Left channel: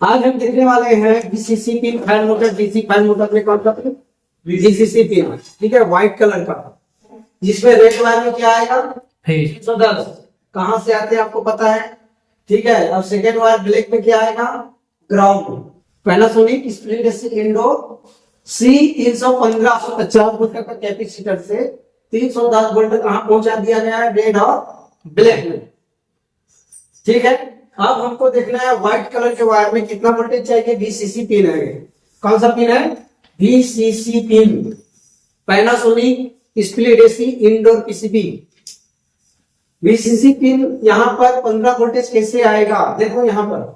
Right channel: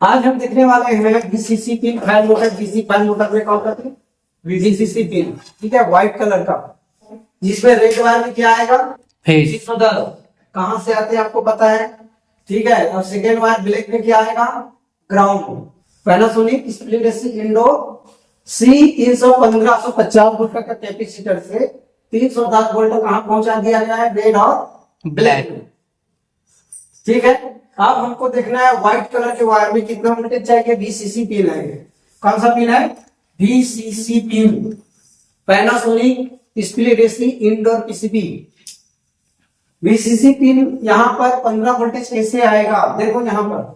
आज हम देखने वाले हैं VCC pin fan motor. DC fan motor में कौन करते हैं? वीसीसी पिन, ठीक है, व्हाइट कलर का, जिसमें रेड वायर में क्या आएगा? 310। कहां से आते हैं आपको पता है, ठीक है। और सेकेंड वायर ब्लैक में क्या आएगा? ग्राउंड। पैनासोनिक स्प्लिट इंडो सी 315-150 वोल्ट का कैपेसिटर से 310 वोल्ट कहां पहुंचा दिया गया है? रेड और ब्लैक में, ठीक है। अब हमको देखना है व्हाइट कलर के वायर में कितना वोल्टेज चाहिए। वीसीसी पिन है, कौन सा पिन है? VCC pin, Panasonic split AC indoor PCB. VCC pin यहाँ पर 15 वोल्टेज कैसे आएगा? देखो यहाँ पर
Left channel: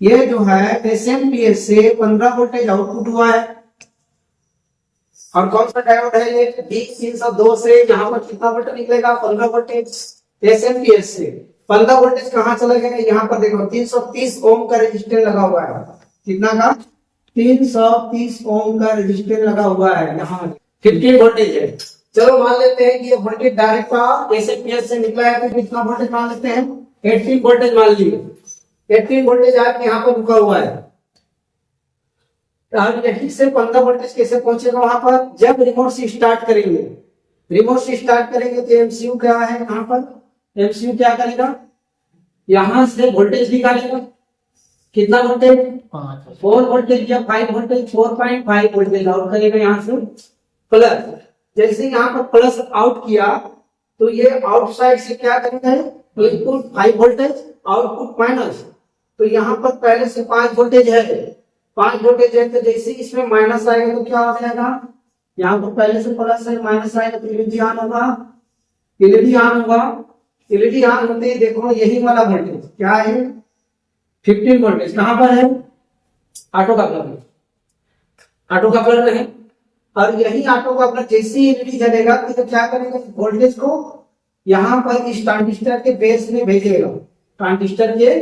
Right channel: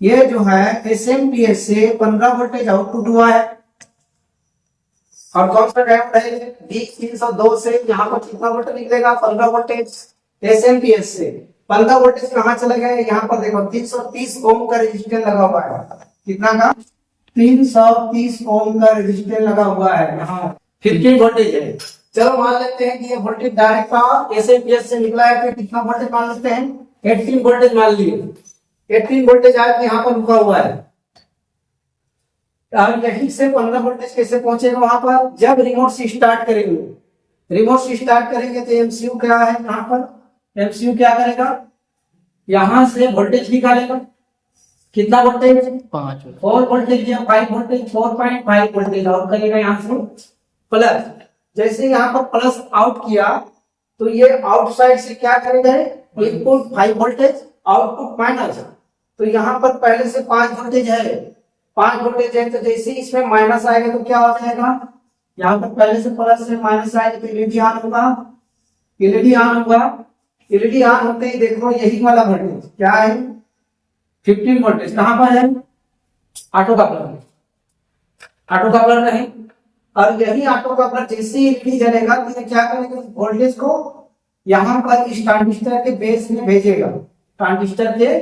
ये जो है एसएमपीएस से 15 वोल्टेज आउटपुट हुआ है। और कौन सा डायोड है ये? D302 से यहाँ पर कितना वोल्ट निकलेगा? 15 वोल्टेज एसएमपीएस से 15 वोल्टेज कहाँ चले गए? यहाँ पर देखो 330 ओम का रेजिस्टेंस लगा हुआ है। कितना का? 330 ओम का रेजिस्टेंस लगा हुआ है। यहाँ 15 वोल्टेज है। चलो मान लेते हैं कि ये वोल्टेज डायरेक्ट का एसएमपीएस से निकला है, तो कितना वोल्टेज मान लेते हैं? 18 वोल्टेज मान लिए। 18 वोल्टेज आके यहाँ पर रुका हुआ है। अब यहीं से 15 वोल्टेज कैसे पहुंचेगा वहां पर? जब रिमोट से स्टार्ट करेंगे। रिमोट से स्टार्ट करेंगे तो एमसीयू क्या है यहाँ पर? एमसीयू क्या करेगा? यहां से वोल्टेज निकालेगा। कितना वोल्टेज? 4 वोल्टेज या 5 वोल्टेज, 4.5 वोल्टेज आउट करेगा यहाँ से प्लस। जैसे यहाँ पर प्लस आउट किया तो ये आउटसाइड से क्या करेगा? Input 5 voltage, output minus. तो यहाँ पर पहले से 5 वोल्टेज है, 5 वोल्टेज है, तो जैसे इसमें माइनस आएगा तो क्या हो जाएगा? यहाँ पर पहले से प्लस से माइनस आएगा तो एलईडी ऑन होगा। एलईडी ऑन होगा, एलईडी ऑन होते ही देखो यही वाला वोल्टेज क्या है? 15 वोल्टेज। कहां पर है? ऑटो कपलर में। ऑटो कपलर में है। और यही ऑटो कपलर जैसे ही एलईडी जलेगा तो क्या करेगा? वोल्टेज को यहां पर इस ट्रांजिस्टर के बेस में भेजेगा। ट्रांजिस्टर के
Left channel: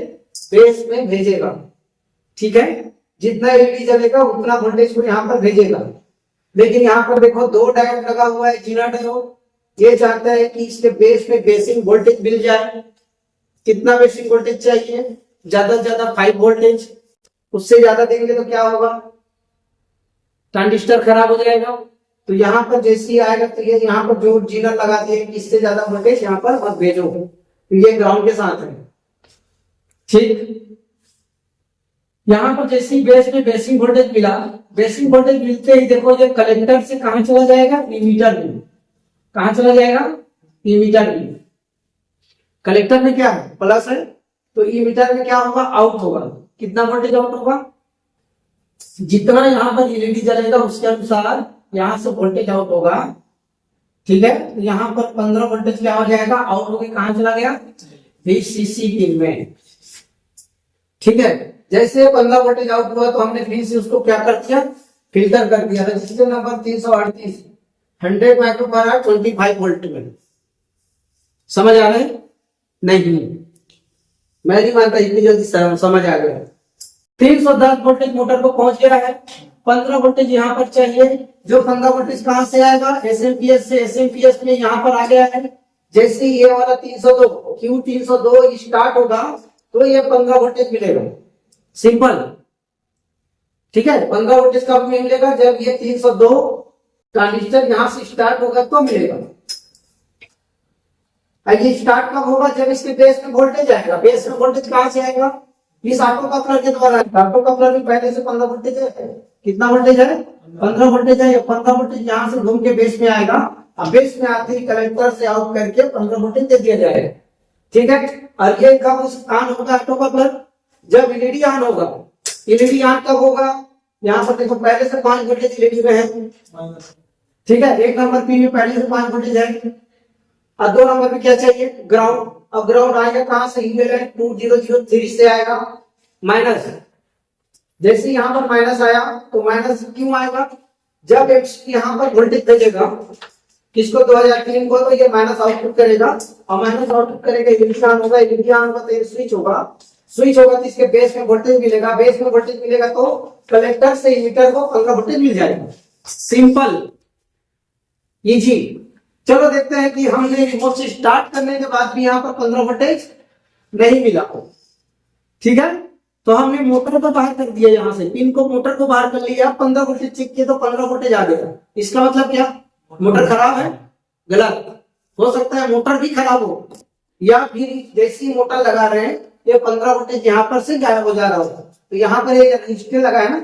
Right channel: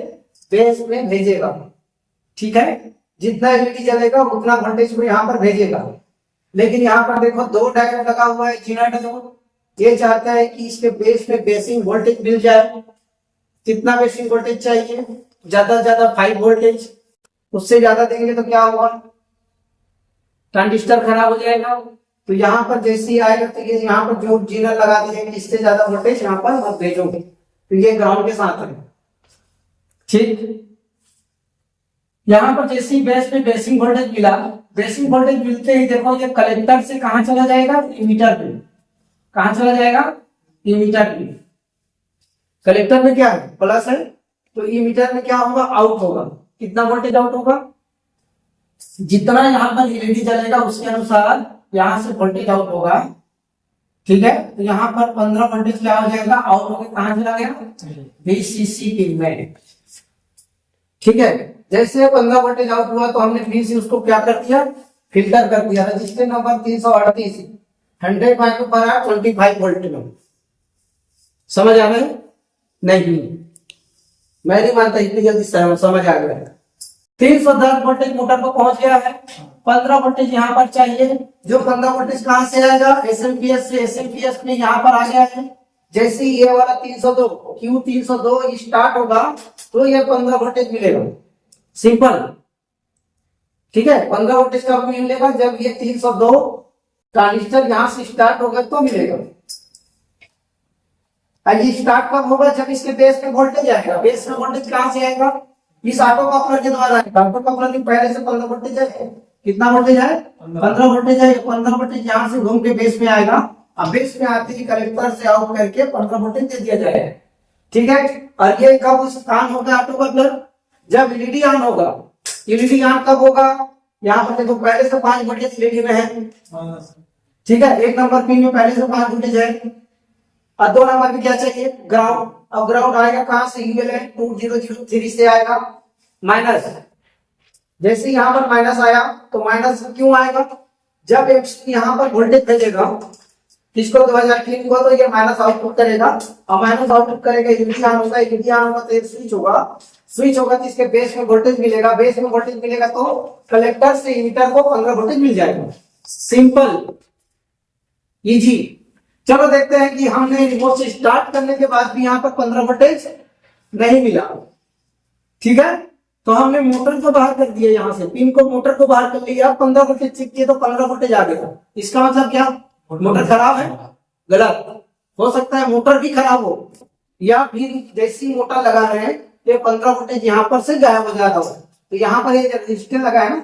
बेस में भेजेगा, ठीक है। जितना एलईडी जलेगा उतना वोल्टेज को यहाँ पर भेजेगा। लेकिन यहाँ पर देखो 2 डायोड लगा हुआ है, जीना डायोड। ये चाहता है कि इसके बेस में बेसिक वोल्टेज मिल जाए। कितना बेसिक वोल्टेज चाहिए? ज्यादा से ज्यादा 5 वोल्टेज। उससे ज्यादा देंगे तो क्या होगा? ट्रांजिस्टर खराब हो जाएगा। तो यहाँ पर जैसे ही आएगा तो ये यहाँ पर जो जीना लगा दिए, इससे ज्यादा वोल्टेज यहाँ पर मत भेजो। तो ये ग्राउंड के साथ है, ठीक। यहाँ पर जैसे ही बेस में बेसिक वोल्टेज मिला, बेसिक वोल्टेज मिलते ही देखो ये कलेक्टर से कहां चला जाएगा? इमीटर में। कहां चला जाएगा? इमीटर में। कलेक्टर में क्या है? प्लस है, तो इमीटर में क्या होगा? आउट होगा। कितना वोल्टेज आउट होगा? जितना यहाँ पर एलईडी जलेगा उसके अनुसार यहाँ से वोल्टेज आउट होगा, ठीक है। तो यहाँ पर 15 वोल्टेज क्या हो जाएगा? आउट होकर कहां चला गया? वीसीसी पिन में, ठीक है। जैसे 15 वोल्टेज आउट हुआ तो हमने फिर से उसको क्या कर दिया? फिल्टर कर दिया। रजिस्टर नंबर 338 100 माइक्रोफैराड 25 वोल्ट में। समझ आ रहा है? नहीं, मैं नहीं मानता इतनी जल्दी समझ आ गया। 310 वोल्टेज मोटर को पहुंच गया है। 15 वोल्टेज यहाँ पर चाहिए। जो 15 वोल्टेज कहां से आएगा? एसएमपीएस से। एसएमपीएस में यहाँ पर आ गया है। जैसे ये वाला 302 Q302 स्टार्ट होगा तो ये 15 वोल्टेज मिलेगा। सिंपल, ठीक है। 15 वोल्टेज कब मिलेगा? जब ये 302 ट्रांजिस्टर यहां से स्टार्ट होगा तो मिलेगा। ये स्टार्ट कब होगा? जब इसके बेस में वोल्टेज आएगा। बेस में वोल्टेज कहां से आएगा? इस ऑटो कपलर के द्वारा। ऑटो कपलर में पहले से 15 वोल्टेज है। कितना वोल्टेज है? 15 वोल्टेज है। 15 वोल्टेज यहाँ से घूम के बेस में आएगा। अब बेस में आते ही कलेक्टर से आउट करके 15 वोल्टेज दे दिया जाएगा, ठीक है। और ये कब ऑन होगा ऑटो कपलर? जब एलईडी ऑन होगा। एलईडी ऑन कब होगा? यहाँ पर देखो पहले से 5 वोल्टेज एलईडी में है, ठीक है। 1 नंबर पिन में पहले से 5 वोल्टेज है। और 2 नंबर में क्या चाहिए? ग्राउंड। अब ग्राउंड आएगा कहां से? यूएलएन 2003 से आएगा माइनस। जैसे यहाँ पर माइनस आया तो माइनस क्यों आएगा? जब यहाँ पर वोल्टेज भेजेगा किसको? 2003 को, तो ये माइनस आउटपुट करेगा। और माइनस आउटपुट करेगा, एलईडी ऑन होगा। एलईडी ऑन होगा तो स्विच होगा। स्विच होगा तो इसके बेस में वोल्टेज मिलेगा। बेस में वोल्टेज मिलेगा तो कलेक्टर से इमीटर को 15 वोल्टेज मिल जाएगा। Simple, easy. चलो देखते हैं कि हमने रिमोट से स्टार्ट करने के बाद भी यहाँ पर 15 वोल्टेज नहीं मिला, ठीक है। तो हमने मोटर को बाहर कर दिया, यहाँ से पिन को मोटर को बाहर कर लिया, 15 वोल्टेज चेक किया तो 15 वोल्टेज आ गया। इसका मतलब क्या, मोटर खराब है? गलत। हो सकता है मोटर भी खराब हो, या फिर जैसी मोटर लगा रहे हैं ये 15 वोल्टेज यहाँ पर से गायब हो जा रहा हो। तो यहाँ पर ये रजिस्टर लगा है ना,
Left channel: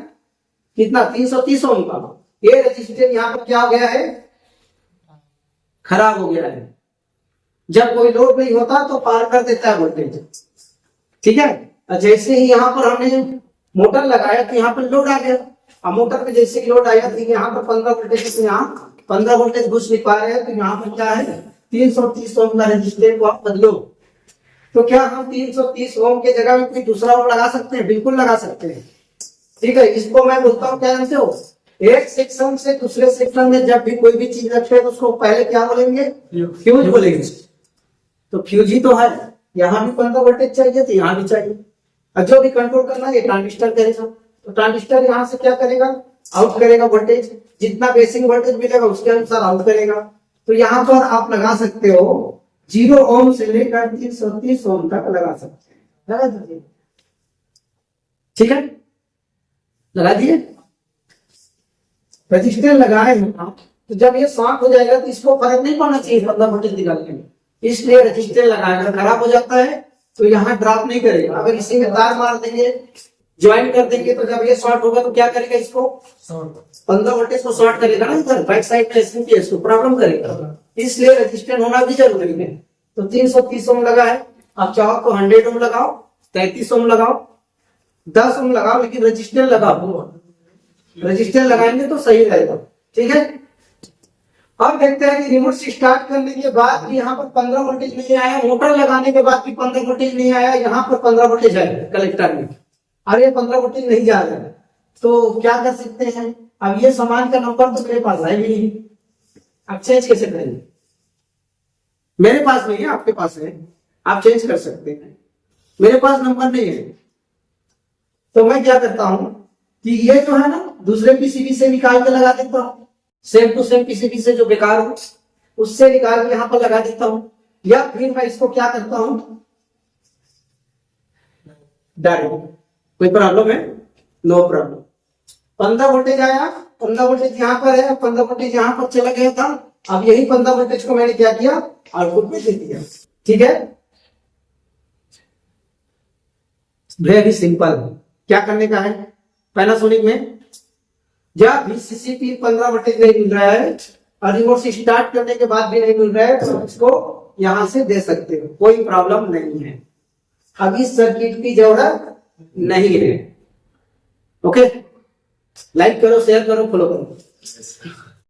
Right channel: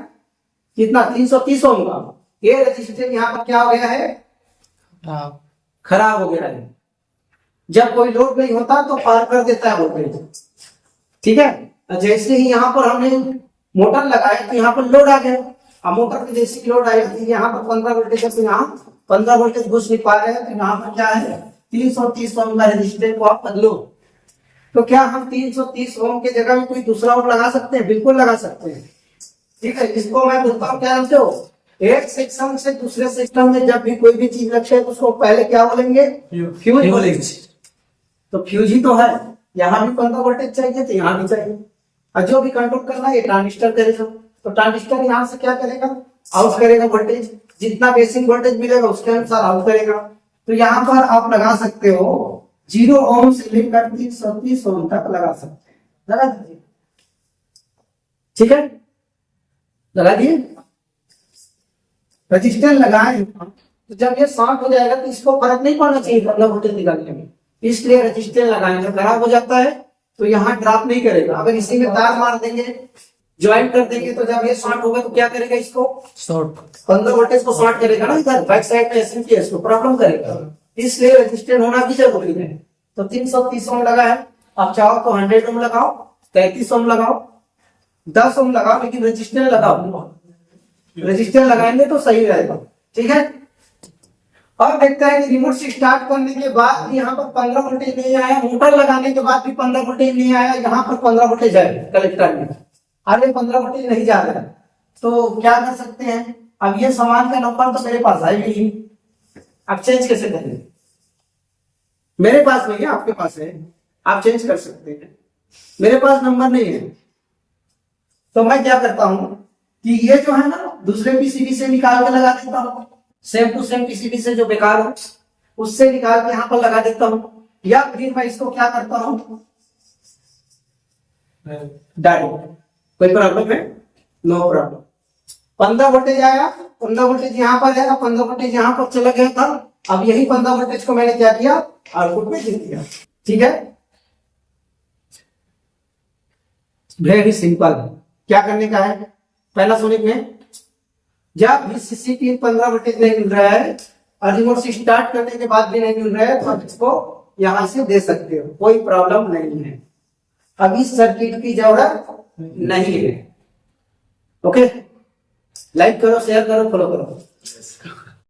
कितना 330 ओम का, ये रजिस्टर यहाँ पर क्या हो गया है, खराब हो गया है। जब कोई लोड नहीं होता तो पार कर देता है वोल्टेज, ठीक है। जैसे ही यहाँ पर हमने मोटर लगाया तो यहाँ पर लोड आ गया, अब मोटर पे जैसे लोड आया तो यहाँ पर 15 वोल्टेज है, तो यहाँ 15 वोल्टेज घुस नहीं पा रहे हैं, तो यहाँ पर क्या है 330 ओम का रेजिस्टेंस को आप बदलो। तो क्या हम 330 ओम के जगह में कोई दूसरा ओम लगा सकते हैं? बिल्कुल लगा सकते हैं, ठीक है। इसको मैं बोलता हूँ क्या जानते हो, एक सेक्शन से दूसरे सेक्शन में जब भी कोई भी चीज रखे तो उसको पहले क्या बोलेंगे, फ्यूज बोलेंगे। तो फ्यूज ही तो है, यहाँ भी 15 वोल्टेज चाहिए तो यहाँ भी चाहिए, और जो भी कंट्रोल करना है ये ट्रांजिस्टर करेगा। तो ट्रांजिस्टर यहाँ से क्या करेगा, आउट करेगा वोल्टेज, जितना बेसिक वोल्टेज मिलेगा उसके अनुसार आउट करेगा। तो यहाँ पर आप लगा सकते हो 0 ओम से लेकर 330 ओम तक लगा सकते हैं, लगा दीजिए, ठीक है, लगा दिए। रजिस्टर लगाए तो जब ये शॉर्ट हो जाएगा तो इसको फर्क नहीं पड़ना चाहिए 15 वोल्टेज निकालने में, इसलिए रजिस्टर लगाएंगे। खराब हो जाता है तो यहाँ ड्रॉप नहीं करेगा। अगर इसी में तार मार देंगे, ज्वाइन कर देंगे, तो जब ये शॉर्ट होगा तो क्या करेगा, इसको शॉर्ट 15 वोल्टेज को शॉर्ट करेगा ना, इधर बैक साइड में एसएमपीएस को प्रॉब्लम करेगा, इसलिए रजिस्टर होना भी जरूरी है। तो 330 ओम लगा है, आप चाहो तो 100 ओम लगाओ, 33 ओम लगाओ, 10 ओम लगाओ, लेकिन रजिस्टर लगाओ, रजिस्टर लगाएंगे तो सही रहेगा, ठीक है। अब देखते हैं कि रिमोट से स्टार्ट करने के बाद भी यहाँ पर 15 वोल्टेज नहीं आया, मोटर लगाने के बाद भी 15 वोल्टेज नहीं आया, यहाँ पर 15 वोल्टेज है कलेक्टर में, अरे 15 वोल्टेज नहीं जा रहा है, तो क्या कर सकते हैं। अब ये सामान का नंबर तो मेरे पास है भी नहीं, आप चेंज कैसे करेंगे, मेरे पास नहीं है, आपके पास है, आप चेंज कर सकते हैं, मेरे पास नंबर नहीं है। तो मैं क्या करता हूं कि ये जो है ना दूसरे पीसीबी से निकाल के लगा देता हूं, सेम टू सेम पीसीबी से जो बेकार हो उससे निकाल के यहाँ पर लगा देता हूं, या फिर मैं इसको क्या करता हूं डायरेक्ट। कोई प्रॉब्लम है? No problem. 15 वोल्टेज आया, 15 वोल्टेज यहाँ पर है, 15 वोल्टेज यहाँ पर चला गया था, अब यही 15 वोल्टेज को मैंने क्या किया, आउटपुट में दे दिया, ठीक है। Very simple. क्या करने का है, पैनासोनिक में जब VCC पिन 15 वोल्टेज नहीं मिल रहा है और रिमोट से स्टार्ट करने के बाद भी नहीं मिल रहा है, तो आप इसको यहां से दे सकते हो, कोई प्रॉब्लम नहीं है। अब इस सर्किट की जरूरत नहीं है। ओके, लाइक करो, शेयर करो, फॉलो करो।